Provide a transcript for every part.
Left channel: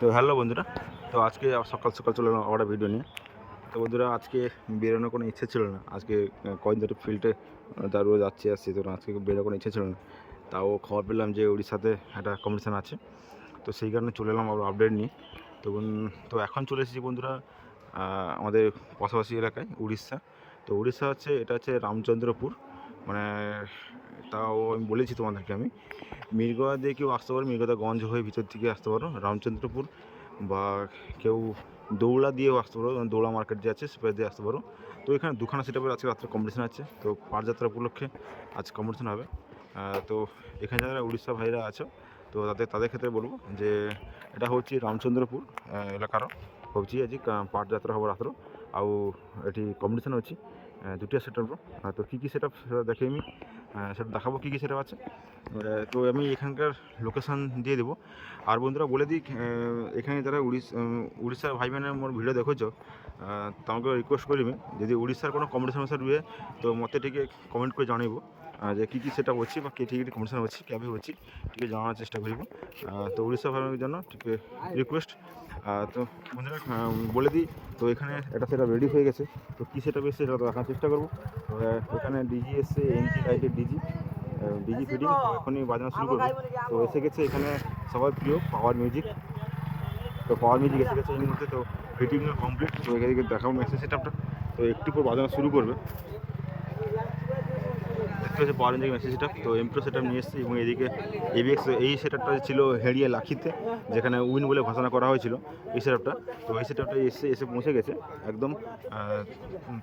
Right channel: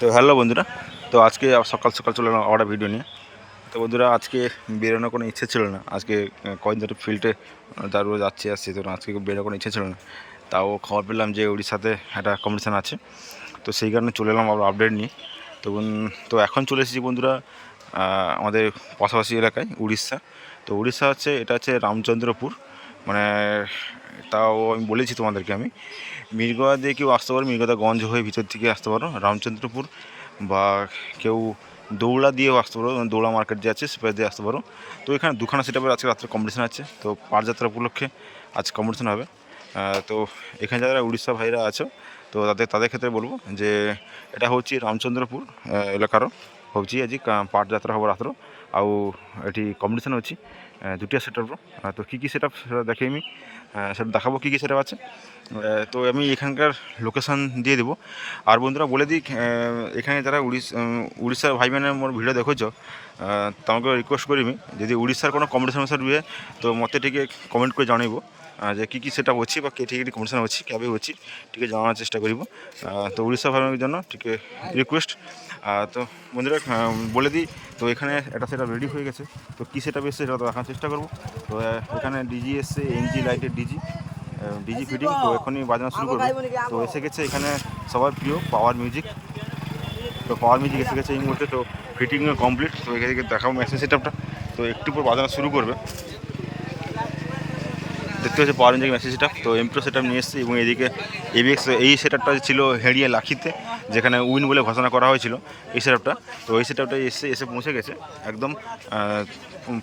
তো হ্যালো বন্ধুরা, তো আজকে সকাল সকাল চলে এলাম আবার ভিডিও নিয়ে। তো বন্ধুরা, আজকে বেরোনোর কোনো ইচ্ছে ছিল না। আজকে কয়েকদিন ধরে ফিল্ডে তার রোজ যাচ্ছি আসছি তো আজকে বেরোনোর কোনো ইচ্ছে ছিল না। তাও খবর পেলাম যে উড়িষ্যাতে একটা কম্পিটিশান আছে। তো সেই কারণে চলে এলাম আবার আপডেট নিয়ে। তো তো এখন চলে এসেছি বন্ধুরা আমাদের পাশাপাশি এলাকায় উড়িষ্যা। তো উড়িষ্যা হচ্ছে, এটা হচ্ছে রামচন্দ্রপুর। মানে তাও আমি বলেছি তোমাদেরকে আমি মির্গা দিয়ে কেউ আসতে পারো মির্গাদাগঞ্জ হয়ে ভিতর থেকে আসতে পারো রামচন্দ্রপুর বা কেউ দৌড়া দিয়েও আসতে পারো মানে দৌড়া মার্কেট যে আছে সেটা দিয়ে আসতে পারো তো এখানে দুখানা সেটাপের আজকে রাত্রে কম্পিটিশন আছে তো পারযাত্রা উপলক্ষে আজ কম্পিটিশন হবে আহ, তো এখানে যারা উড়িষ্যা ভাইরা আছো তো তাদের তাদের ক্ষেত্রে বলবো যে এটা হচ্ছে রামচন্দ্রপুর আহ, এলাকার হচ্ছে আজ পাটযাত্রা হব রাত্র ଆଉ এটি কম্পিটিশন ଅଛି দুটি সেটআপ তো কী কী সেটআপ সেটা দেখে আমি। সেটা দেখাবো কী কী সেটআপ আছে। তো আমি এখানকার লোকেশান দিয়ে দেবো। আর বন্ধুরা বলে দিই এখানে যারা উড়িষ্যা উড়িষ্যার ভাই বোনের মোর ভিডিও দেখেছ তোমাকে রিকোয়েস্ট করিমি যদি উড়িষ্যার কোনো কম্পিটিশন হয়ে তো মতে টিকে কমেন্ট করে জানাইব। যে কী কী সেটা হচ্ছে বা কেটে কেটে কমিশন হচ্ছে ক্যাবে হচ্ছে টিকে জানানোর চেষ্টা করব। তো উড়িষ্যা ভ্রমণের জন্য টিকে রিকোয়েস্ট তো বন্ধুরা বলে দিই তো এখানে একটা সেটা রেডি হয়ে গেছে। তো কী সেটা এসছে সেটা দেখার চেষ্টা করব। তো এখানে ডিজি এসছে এনজি লাইটের ডিজি ডিজি ফিটিং তো এখনই বাজানো শুরু করব। তো এসে গেছে এখানে সবার প্রিয় পাওয়ার মিউজিক তো পাওয়ার মিউজিক এসে গেছে এই মুহূর্তে। তো ফিটিংয়ে কমপ্লিট তো এখানে দেখাবো মেশিন সেটআপটা তো একটু পর বাজানো শুরু করবে। দেখতে হচ্ছে পাওয়ার মিউজিক মেসেজ সেটআপ তো এমপ্রো সেটআপ নিয়ে এসেছি এবং এদিকে এবিএক্স এই সেটআপটা ছিল হেড়িয়ে লাখিতে, যেখানে উইন বলে ঘোষণা করা হয়েছিল এই সেটআপটা তো এই সেটআপটা এসে এসে পৌঁছে গেছে, একদম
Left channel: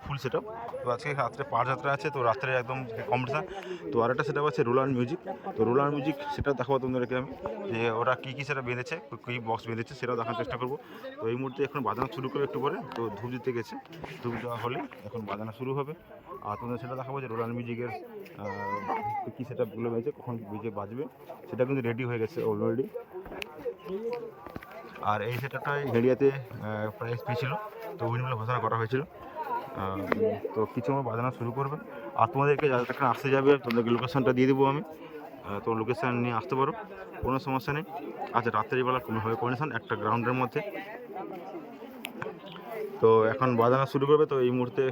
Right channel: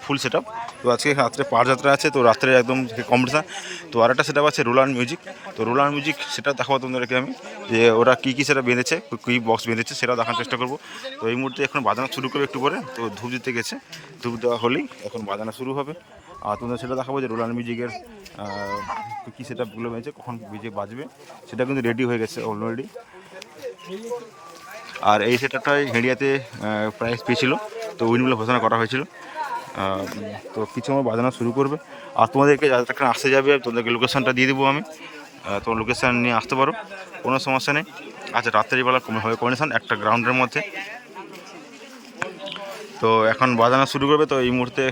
ফুল সেটআপ তো আজকে রাত্রে পাঁচ যাত্রা আছে, তো রাত্রে একদম কম্পিটিশান তো আর একটা সেটআপ আছে রোলার মিউজিক তো রোলার মিউজিক সেটা দেখাবো তোমাদেরকে আমি, যে ওরা কী কী সেটা বেঁধেছে, কী বক্স বেঁধেছে সেটা দেখার চেষ্টা করব। তো এই মুহূর্তে এখন বাজানো শুরু করবে একটু পরে, তো ধূপ দিতে গেছে। ধূপ দেওয়া হলেই এখন বাজানো শুরু হবে। আর তোমাদের সেটা দেখাবো যে রোলার মিউজিকের কী সেটআপগুলো হয়েছে, কখন বিজে বাজবে, সেটা কিন্তু রেডি হয়ে গেছে অলরেডি আর এই সেটআপটাই হেডিয়াতে প্রাইস পেয়েছিল, তো উইনগুলো ঘোষণা করা হয়েছিল। তো কিছু আমার বাজানো শুরু করবে। আর তোমাদেরকে যাদেরকে আসতে যাবে, তোমাদেরকে লোকেশানটা দিয়ে দেবো আমি। তোমার লোকেশান নিয়ে আসতে পারো, কোনো সমস্যা নেই। আচ্ছা রাত্রিবেলা হবে কন্ডিশন একটা গ্রাউন্ডের মধ্যে। তো এখন বাজানো শুরু করবে, তো এই মুহূর্তে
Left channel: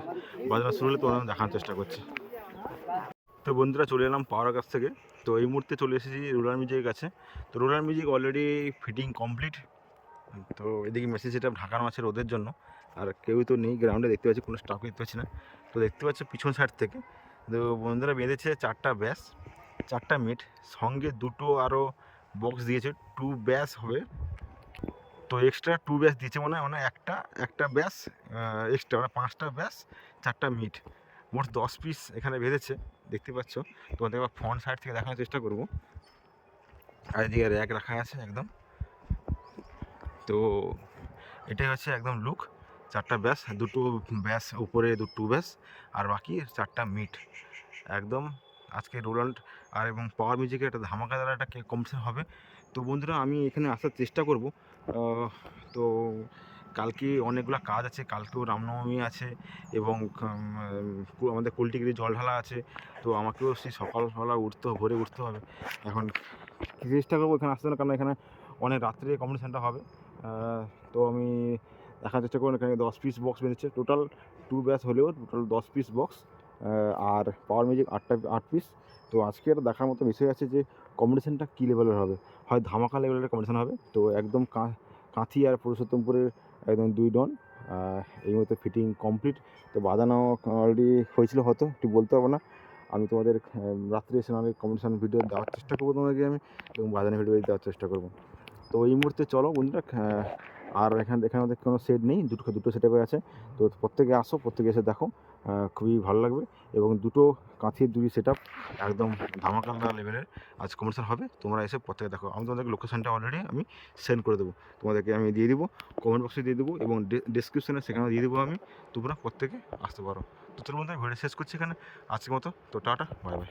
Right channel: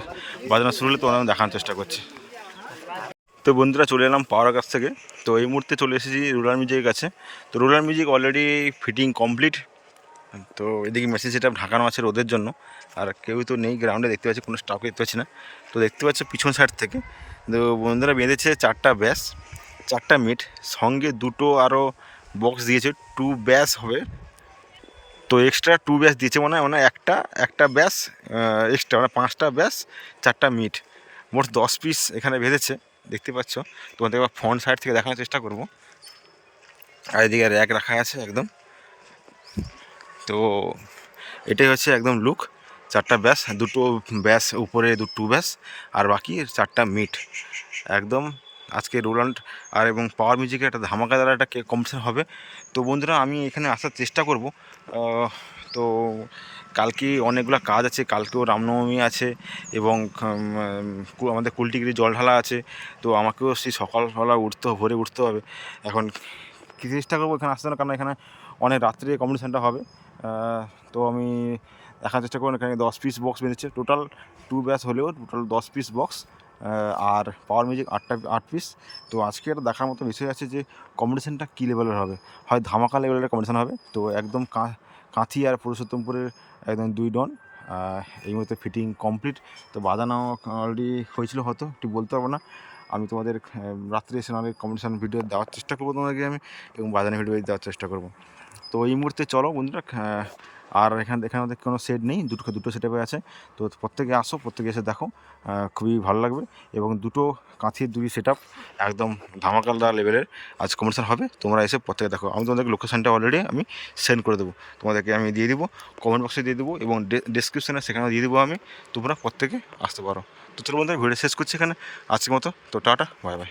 বাজানো শুরু হলে তোমাদের আমি দেখানোর চেষ্টা করছি। তো বন্ধুরা চলে এলাম পাওয়ার কাছ থেকে। তো এই মুহূর্তে চলে এসেছি রুলার মিউজিকের কাছে। তো ruler music already fitting complete তো এদিকে মেসেজ সেটা ঢাকানো আছে রোদের জন্য। আর কেউ তো নেই গ্রাউন্ডে দেখতে পাচ্ছি, কোনো স্টাফকে দেখতে পাচ্ছি না। তো দেখতে পাচ্ছি পিছন সাইড থেকে। তো বন্ধুরা বেঁধেছে চারটা ব্যাস, চারটা মিট। সঙ্গে দুটো আরও বক্স দিয়েছে টু ব্যাস হবে। তো এক্সট্রা টু ব্যাস দিয়েছে মানে মানে একটা একটা ব্যাস এক্সট্রা মানে পাঁচটা ব্যাস চারটা মিট মোট দশ পিস এখানে বেঁধেছে দেখতে পাচ্ছ। তোমাদের এবার ফ্রন্ট সাইড থেকে দেখানোর চেষ্টা করব। আর এদিকে র্যাক রাখা আছে একদম। তো এটাই হচ্ছে একদম লুক চারটা ব্যাস দুটো ব্যাস উপরে দুটো ব্যাস আর বাকি চারটা মিট একদম আজকে রোলান্ড আর এবং পাওয়ার মিউজিকের একটা ধামাকাদার একটা কম্পিটিশন হবে। তো বন্ধুরা, আমি এখানে আসার চেষ্টা করব। তো কালকে অনেকগুলো কাজ আছে। কালকেও রামনবমী আছে এবং আমাদের কুলটিগিরি জল ঢালা আছে। তো আমাকেও সেই সকালবেলা উঠতে ভোরে উঠতে হবে। এখন কী চেষ্টা করব এখানে আসতে কারণ এখানে অনেক রাত্রে কম্পিটিশানটা হবে। তো আমি দেখার চেষ্টা করব। এখানে দশ পিস বক্স বেঁধেছে। টোটাল টু ব্যাচ হলেও টোটাল দশ পিস বক্স আর পাওয়ার মিউজিক আটটা আট পিস তো আজকে একটা দেখার মতো বিষয় আছে যে কম্পিটিশানটা কী লেভেলের হবে? হয় ধামাকা লেভেলের কম্পিটিশান হবে? তো একদম কাঁথি আর পুরুষোত্তমপুরের একদম দুই ডন। এই মুহূর্তে ফিটিং কমপ্লিট তো বাজানো অলরেডি হয়েছিল হয়তো ঠিক বলতে পারব না। আমি তোমাদের রাত্রে এসে নাহলে কম্পিটিশান ভিডিও দেওয়ার চেষ্টা করব তোমাদেরকে আমি এবং বাজানো ভিডিও দেওয়ার চেষ্টা করব। তো এই মুহূর্তে চলো বন্ধুরা আর এখানে এখানে আমাদের কোনো সেট নেই, দুটো দুটো সেটআপে আছে। তো প্রত্যেকে আসো, প্রত্যেকে এসে দেখো খুবই ভালো লাগবে। এবং দুটো কাঁথির দুই সেট আপ একদম ধামাকালদার লেভেলের আজ কম্পিটিশান হবে। তোমরা এসে প্রত্যেকে দেখো। আমি তোমাদেরকে লোকেশানটা অলরেডি আমি সেন্ড করে দেবো। তোমাদেরকে আমি দিয়ে দিব কমেন্ট বক্সে দিয়ে দেবো এবং ডিসক্রিপশানে সেখানে দিয়ে দেবো আমি। তোমরা প্রত্যেকে আসতে পারো। তো তোর মধ্যে ভিডিও শেষ করছি এখানে। আজকের মতো, তো টাটা বাই বাই